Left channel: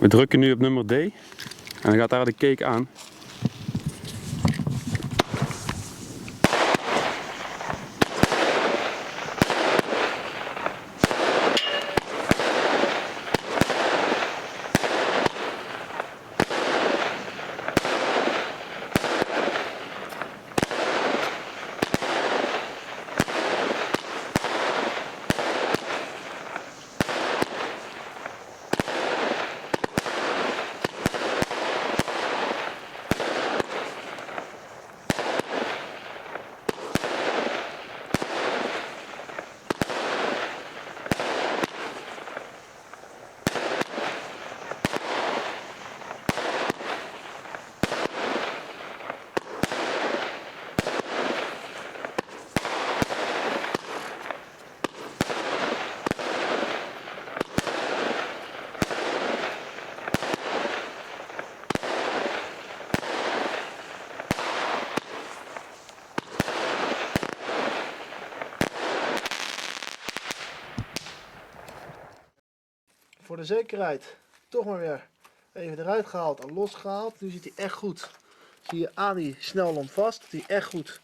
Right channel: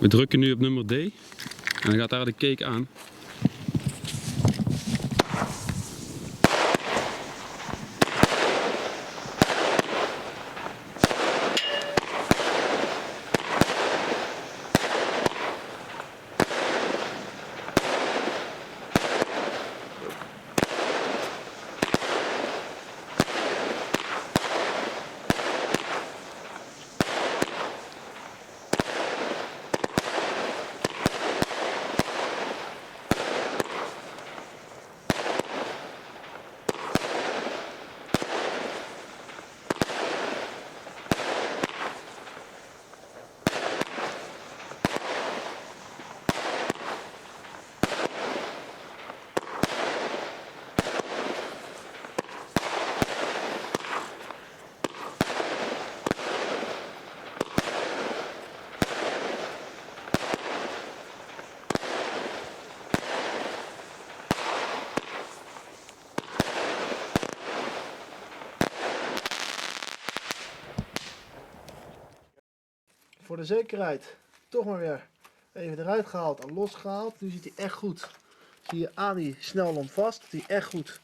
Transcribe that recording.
We drukken nu op nummer D en dan gaat daar de cake aan. Voor de zekerheid toch maar weer even eruit gehaald en losgehaald. Nu zit hij echt goed. Zie je aan die snelland vast, dat hij echt goed